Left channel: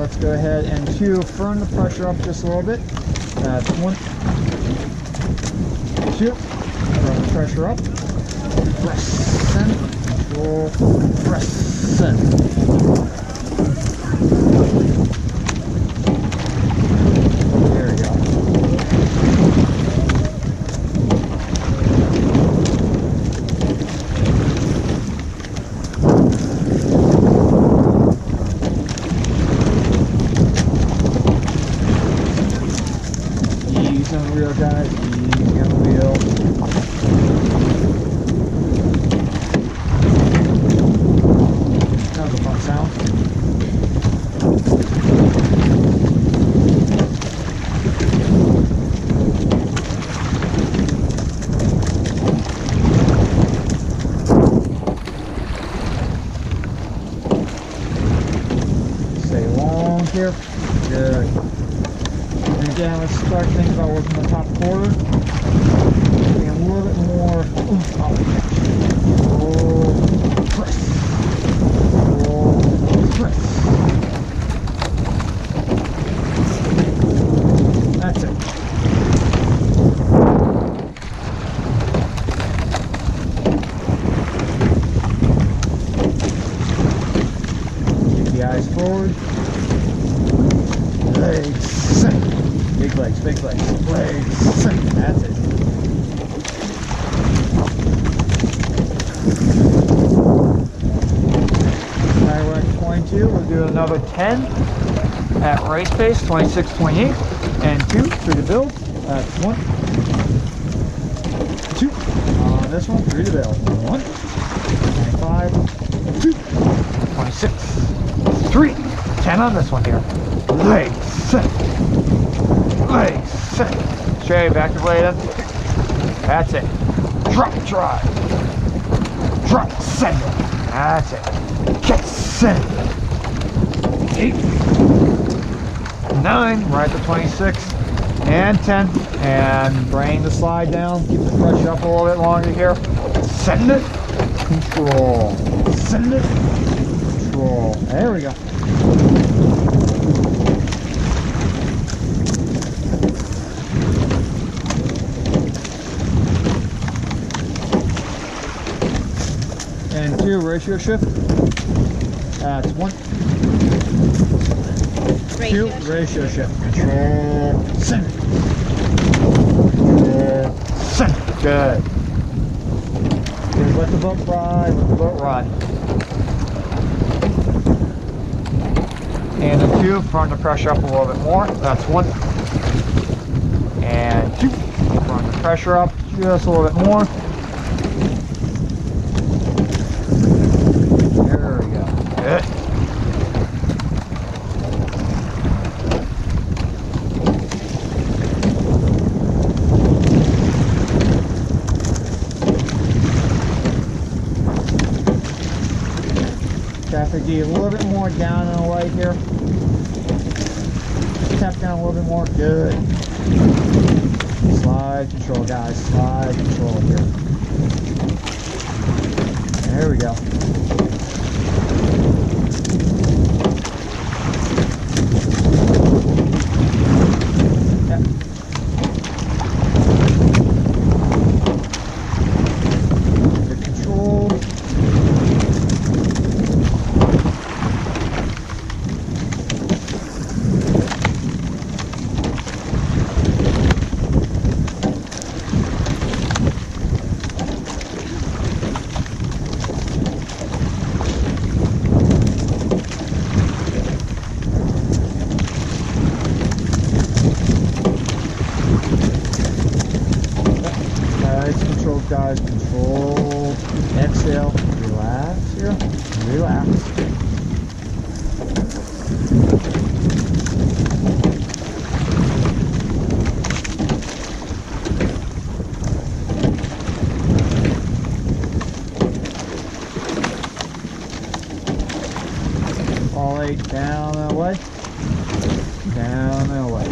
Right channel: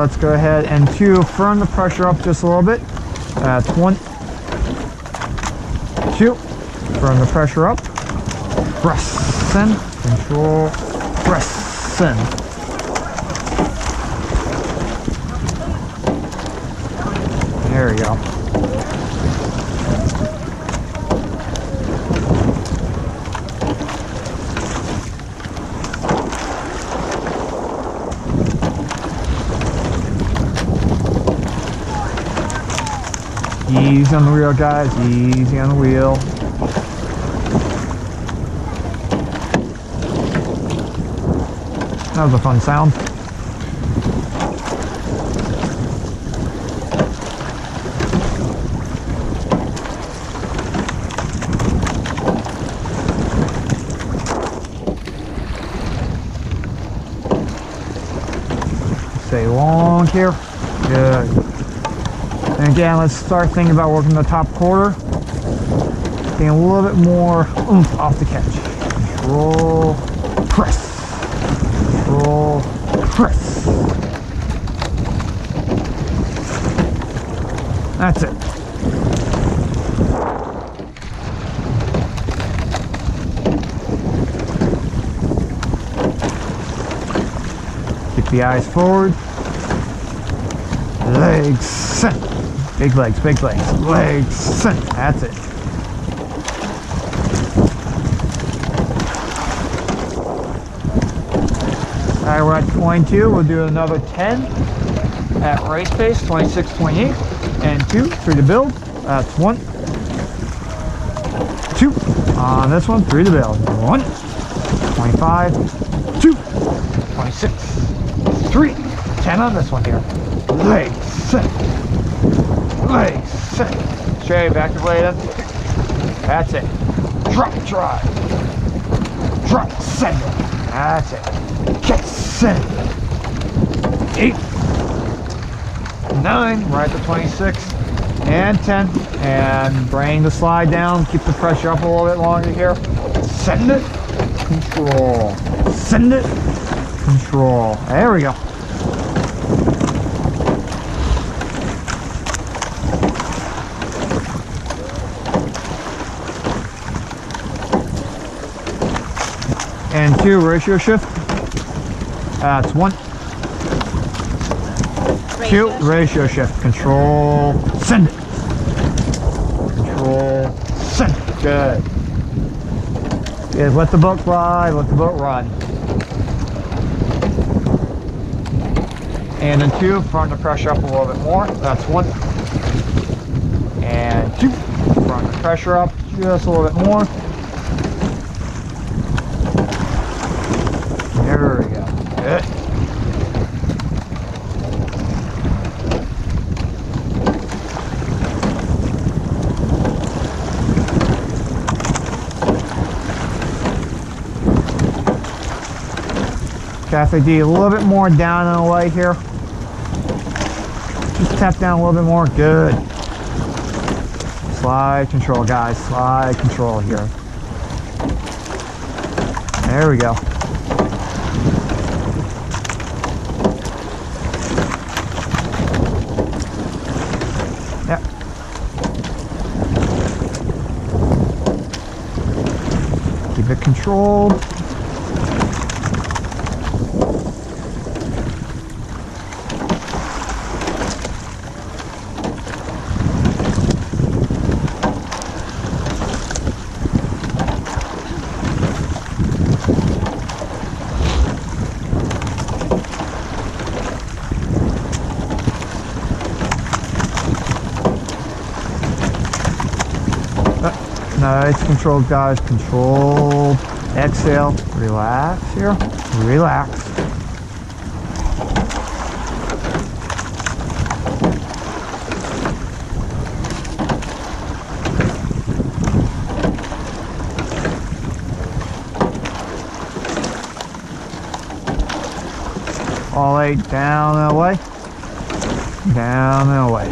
let's go ahead and 2, firm the pressure up just a little bit. That's 1, 2, firm the pressure up. Press in, control, press in. There we go. Easy on the wheel, guys. Easy on the wheel. That was a fun sound. Stay long here. Good. And again, let's start thinking about working the top quarter. Getting a little bit more oomph off the catch. Control, press. Control, press. That's it. Keep the eyes forward. Legs sent. Big legs, big legs. Legs sent. That's it. Alright, we're at 22. We'll do another 10 at race pace, 26.8. And 2 through the build. That's 1, 2. On this one, through the build. 1, 25, 2, 26, 3, 10 on this one here. Legs set. Legs set. Straight back to blade up. That's it. Drop, drive. Drop, send it. That's it. Catch, send it. 8, 9, right to 26, and 10. And bring the slide down. Keep the pressure up a little bit longer here. Send it. Control. Send it. Control. There we go. And 2, ratio shift. That's 1, 2, ratio shift. Control, send it. Control, send it. Good. Is let the boat ride, let the boat run. And then 2, firm the pressure up a little bit more. That's 1. And 2, firm the pressure up just a little bit more. There we go. Good. Cafe D, a little bit more down and away here. Just tap down a little bit more. Good. Slide control, guys. Slide control here. There we go. Yep. Keep it controlled. Nice control, guys. Control. Exhale. Relax here. Relax. All 8 down and away. Down and away.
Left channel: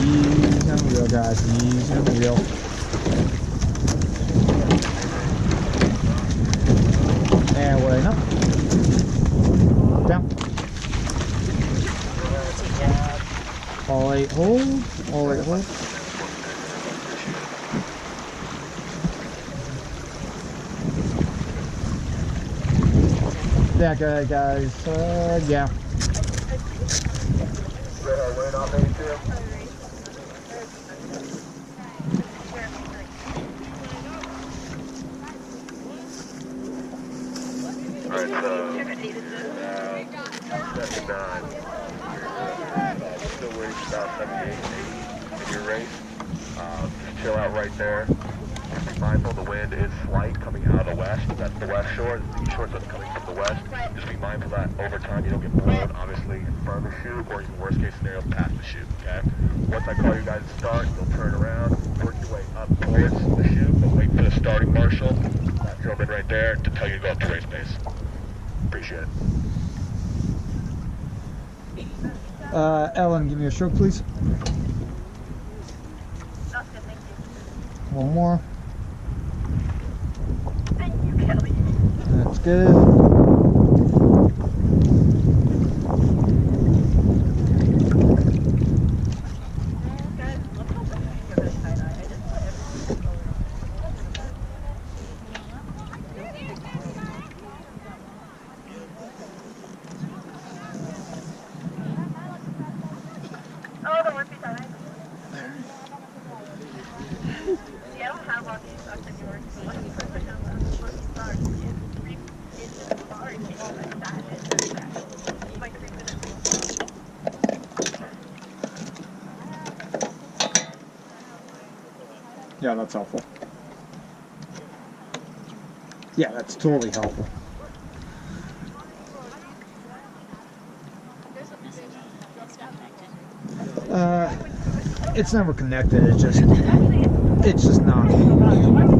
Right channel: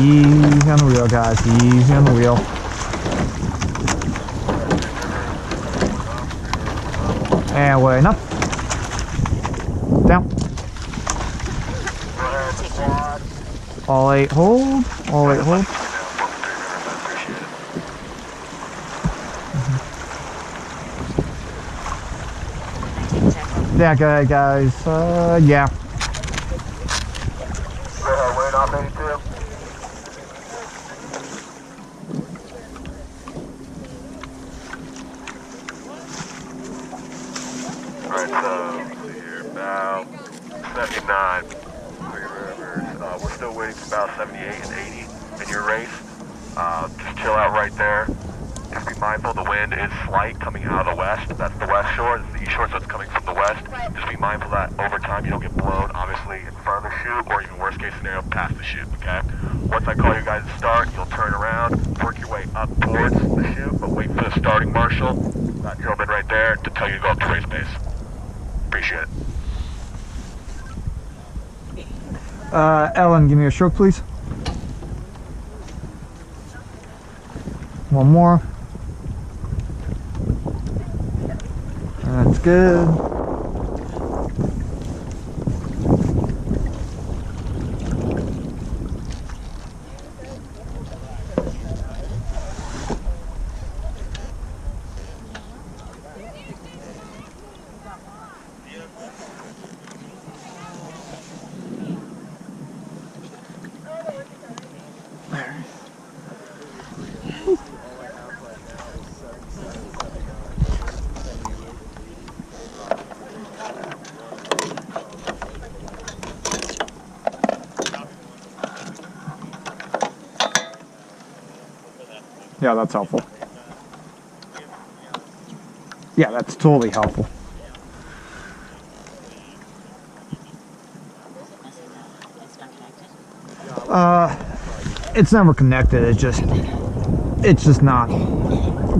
Easy on the wheel, guys. Easy on the wheel. And weighing up. Down. All 8 hold. All 8 hold. Yeah, go ahead, guys. Yeah. Weight on 82. Alright, so you're now 79. We're still waiting for about 78 and 80 in your race. Just chill out right there. Just be mindful the wind is slight coming out of the west. That's the west shore. This is the east shore, so it's coming from the west. Just be mindful that over time you don't get blown, obviously, in front of the chute, or even worst case scenario, past the chute, okay? Once I call you guys to start, you'll turn around, work your way up towards the chute, but wait for the starting marshal, that gentleman right there, to tell you to go up to race pace. Appreciate it. Ellen, give me a stroke, please. One more. That's good. Yeah, that's helpful. Yeah, that's totally helpful. It's never connected. It's just not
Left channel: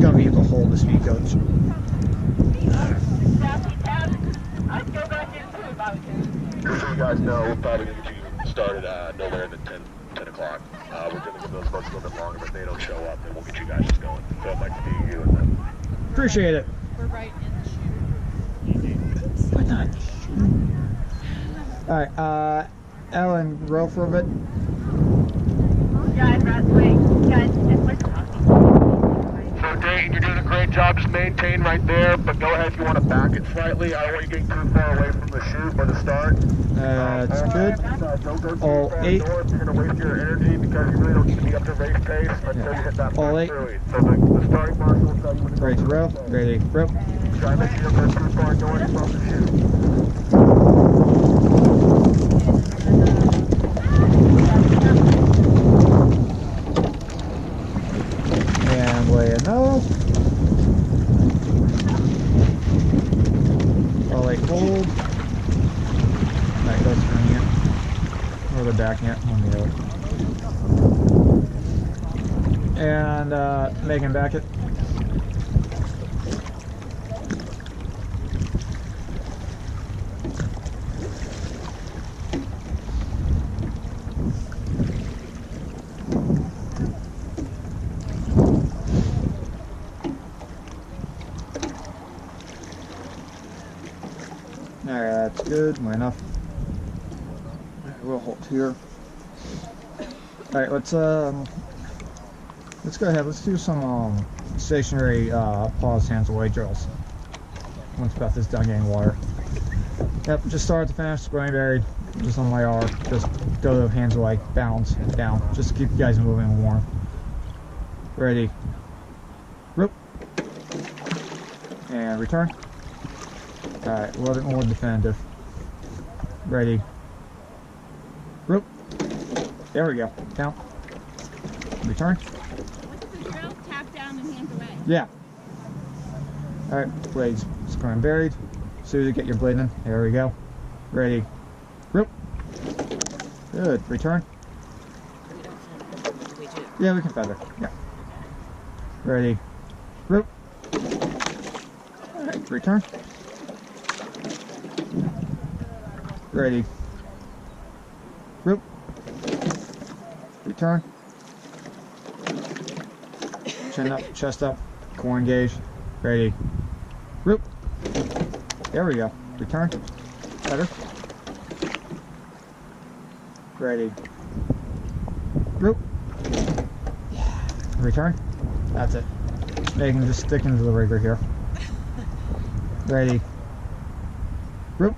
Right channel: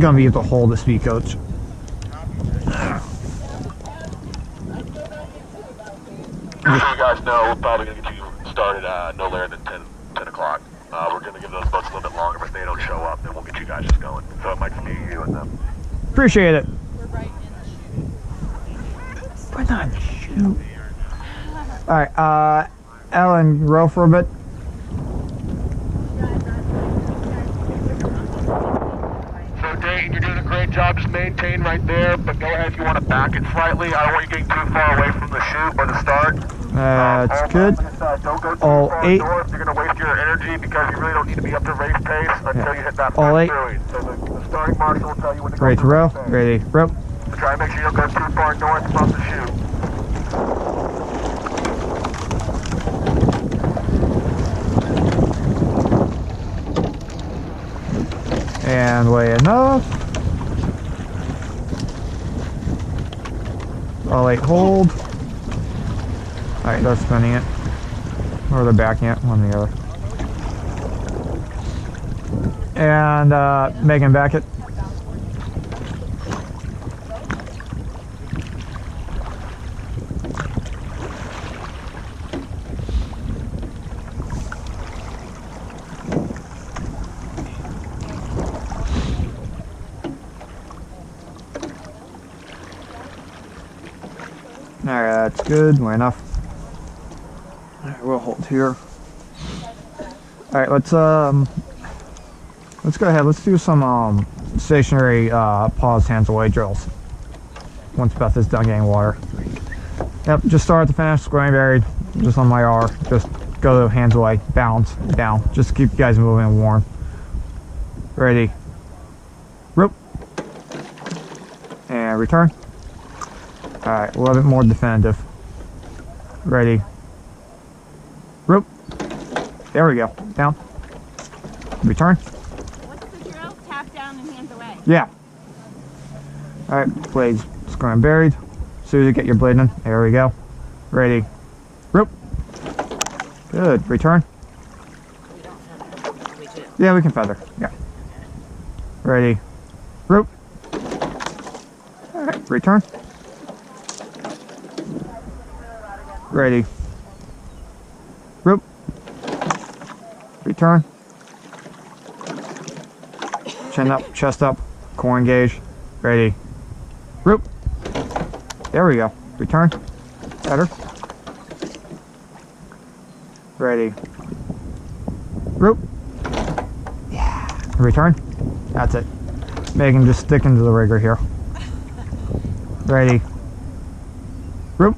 gonna be able to hold the speed coach. Just so you guys know, we're probably going to get you started no later than 10 o'clock. We're going to give those boats a little bit longer, but if they don't show up, then we'll get you guys just going. So it might just be you and them. Appreciate it. We're right in the chute. We're not in the chute. Alright, Ellen, row for a bit. So Dayton, you're doing a great job. Just maintain right there, but go ahead if you want to back it slightly. I don't want you getting too far away from the chute or the start. That's good. Don't go too All far 8. north. You're going to waste your energy because you really don't need to be up to race pace until you hit that All first 8. buoy. So the starting marshal will tell you when to go Ready to through row. race pace. Ready, row. So try and make sure you don't go too far north from the chute. And weigh enough. All 8 hold. Alright, that's spinning it. Or they're backing it, one or the other. And Megan, back it. Alright, that's good. Way enough. Alright, we'll hold here. Alright, let's go ahead. Let's do some stationary pause hands away drills. Once Beth is done getting water. Yep, just start at the finish, squaring buried, just on my R. Just go hands away, bounce, down. Just keep you guys moving and warm. Ready. Rope. And return. Alright, a little bit more definitive. Ready. Rope. There we go. Down. Return. What's the drill? Tap down and hands away. Yeah. Alright, blades squaring buried. As soon as you get your blade in, there we go. Ready. Rope. Good. Return. We don't feather. We do. Yeah, we can feather. Yeah. Ready. Rope. Alright, return. Ready. Rope. Return. Chin up, chest up, core engage. Ready. Roop. There we go. Return. Better. Ready. Roop. Yeah. Return. That's it. Megan, just stick into the rigger here. Ready. Roop.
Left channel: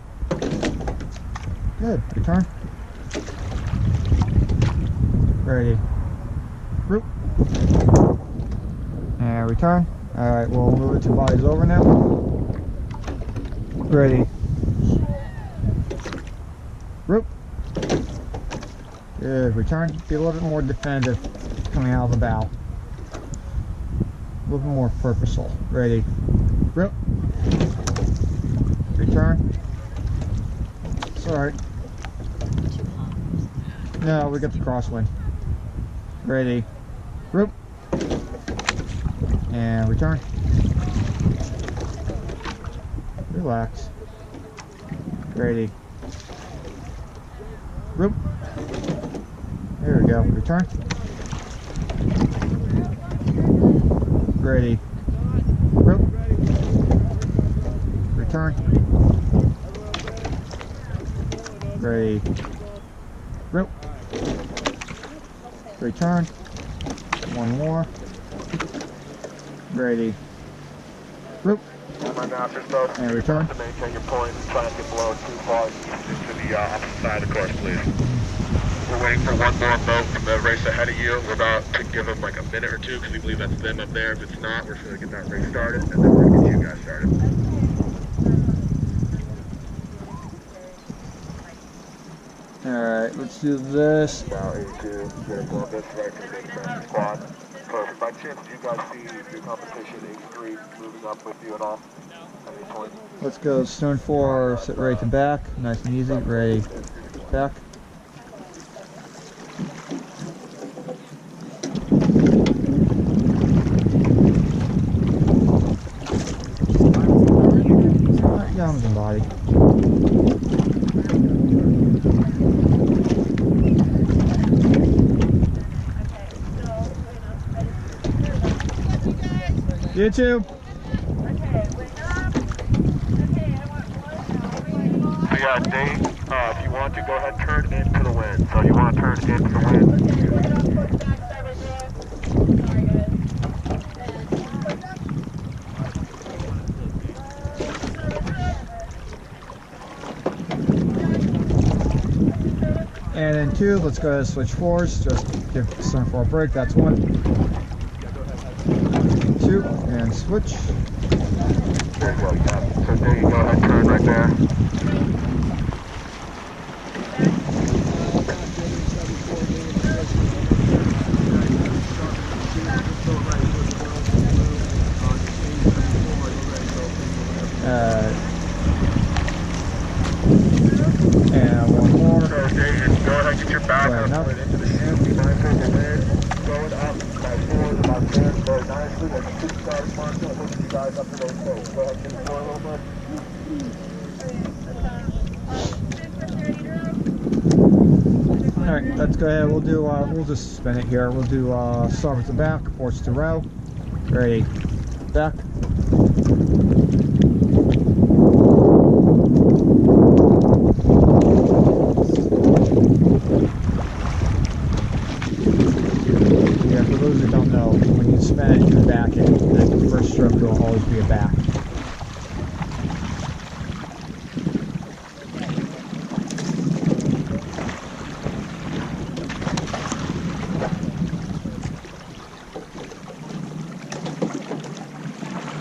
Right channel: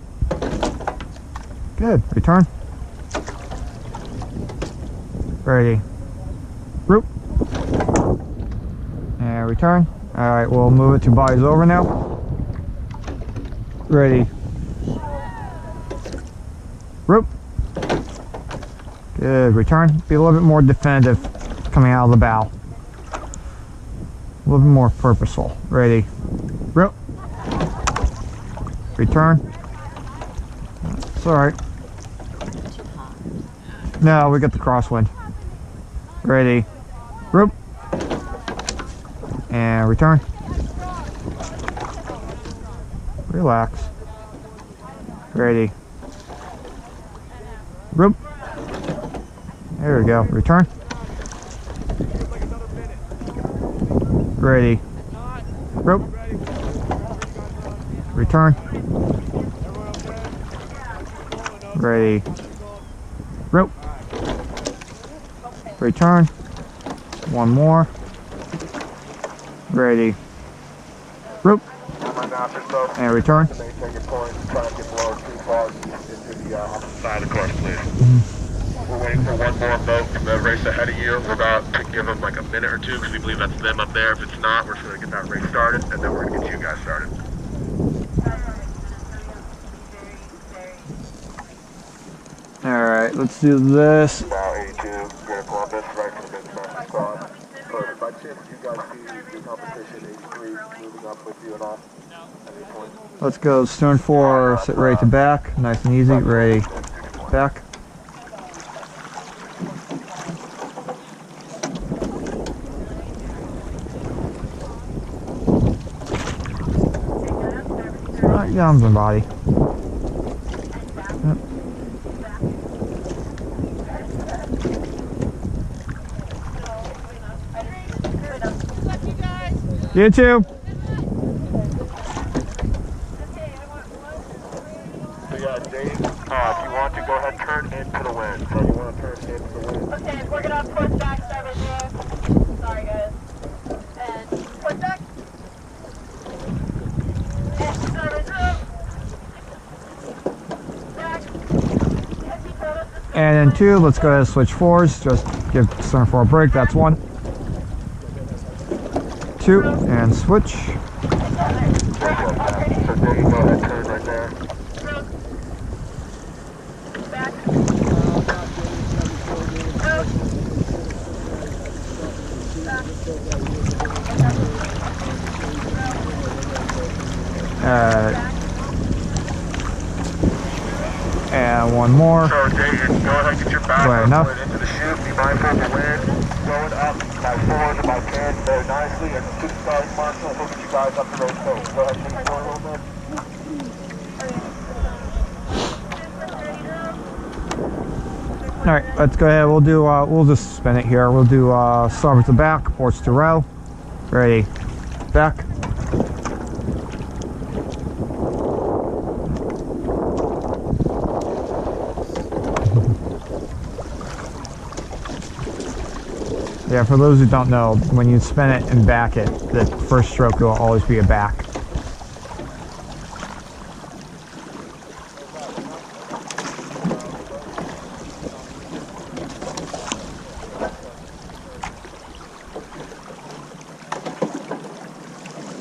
Good. Return. Ready. Roop. And return. Alright, we'll move it to bodies over now. Ready. Roop. Good. Return. Be a little bit more definitive coming out of the bow. A little bit more purposeful. Ready. Roop. Return. It's alright. No, we got the crosswind. Ready. Roop. And return. Relax. Ready. Roop. There we go. Return. Ready. Roop. Return. Ready. Roop. Return. One more. Ready. Roop. And return. To maintain your point, try not to get blown too far into the opposite side of the course, please. We're waiting for one more boat from the race ahead of you. We're about to give them like a minute or two because we believe that's them up there. If it's not, we're just going to get that race started, and then we're going to get you guys started. Alright, let's do this. Now 82, Greater Columbus, right for the big master squad. Perfect. By chance, do you guys see your competition 83 moving up with you at all? At any point? Let's go stern 4, sit right to back. Nice and easy. Ready. Back. Alright, arms and body. Yep. You too. So yeah, Dave, if you want to, go ahead and turn into the wind. So you want to turn into the wind. Okay, we're gonna push back, start right there. Sorry guys. And push back. And start right there. Back. And in 2, let's go ahead and switch 4s. Just give stern 4 a break. That's 1. 2 and switch. There you go, Pat. So Dave, go ahead and turn right there. And one more. So Dave, go ahead and get your back Right enough. foot into the chute. Be mindful of the wind. Going up by 4 to by 10 very nicely. And the 2 stars, Marshall, we'll get you guys up to those coats. Go ahead and move forward a little bit. Alright, let's go ahead. We'll do, we'll just spin it here. We'll do, start with the back, ports to row. Ready. Back. Yeah, for those who don't know, when you spin it and back it, the first stroke will always be a back.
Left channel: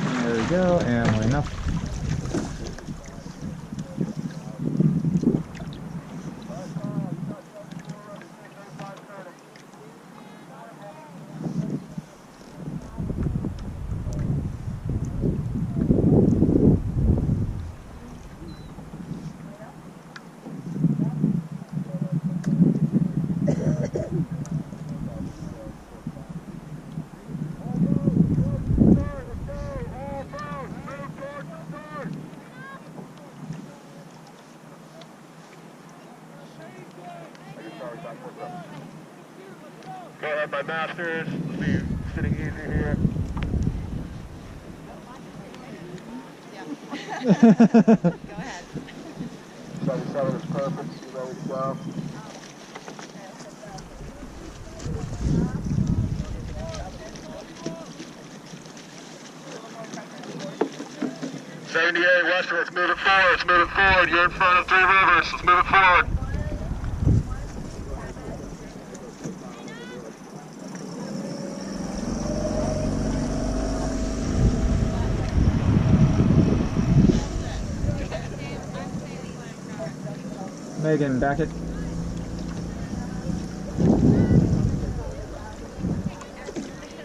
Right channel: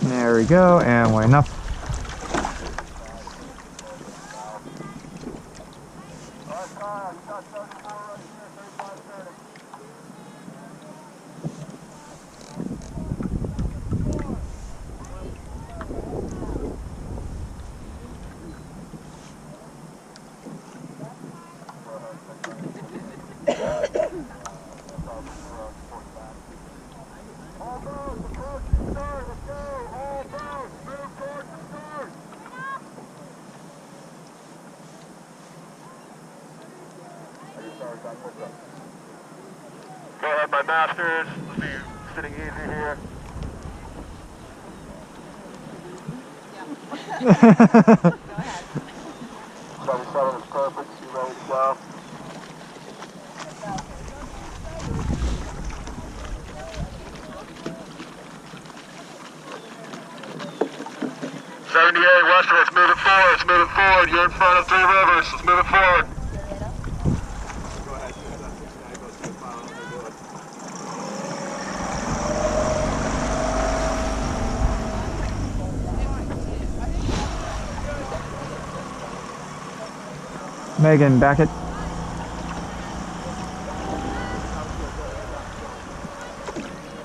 There we go, and we're enough. Go ahead, my masters. Let's see, sitting easy here. Go ahead. 77 is perfect. You ready to go? Western, let's move it forward, let's move it forward. You're in front of Three Rivers, let's move it forward. Megan, back it.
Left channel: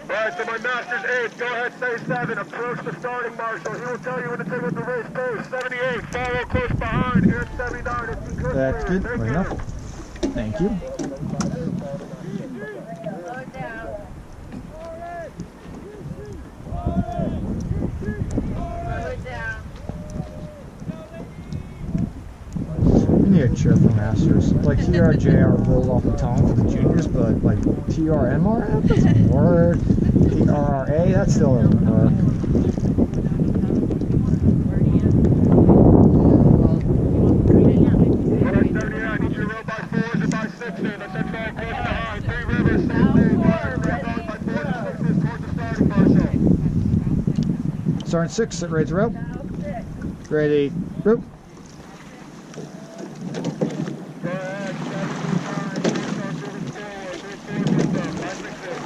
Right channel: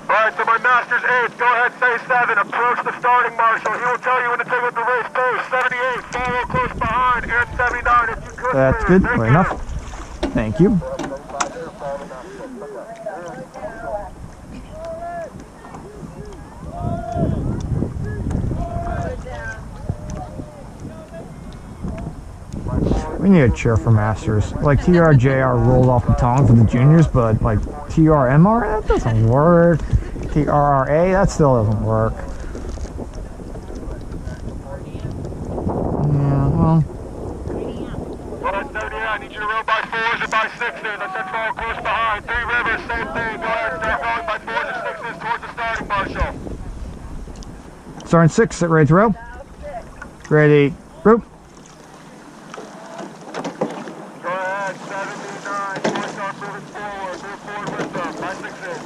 Alright, so my master's 8, go ahead, say 7, approach the starting marshal. He will tell you when to take up the race pace. 78, follow close behind, and 79 if you could. That's good, fair enough. Thank you. We need a cheer for Masters. Like TRJR rolled off the tongue for the juniors, but like TRMR, that doesn't work. TRRA, that still doesn't work. Yeah, well. Alright, 78, I need you to roll by 4s and by 6s. I said follow close behind. Three Rivers, same thing. Go ahead, start going by 4s and 6s towards the starting marshal. Starting 6, sit ready to row. Ready, rope. Go ahead, 79, boys start moving forward. Move forward with them, by 6s.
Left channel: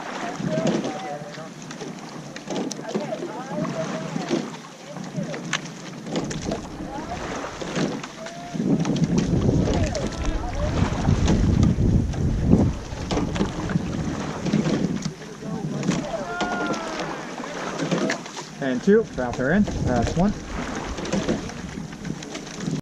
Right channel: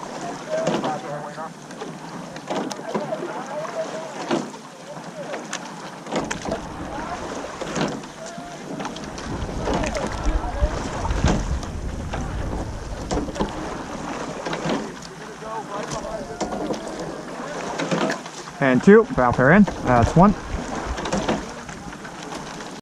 And 2, valve pair in. That's 1.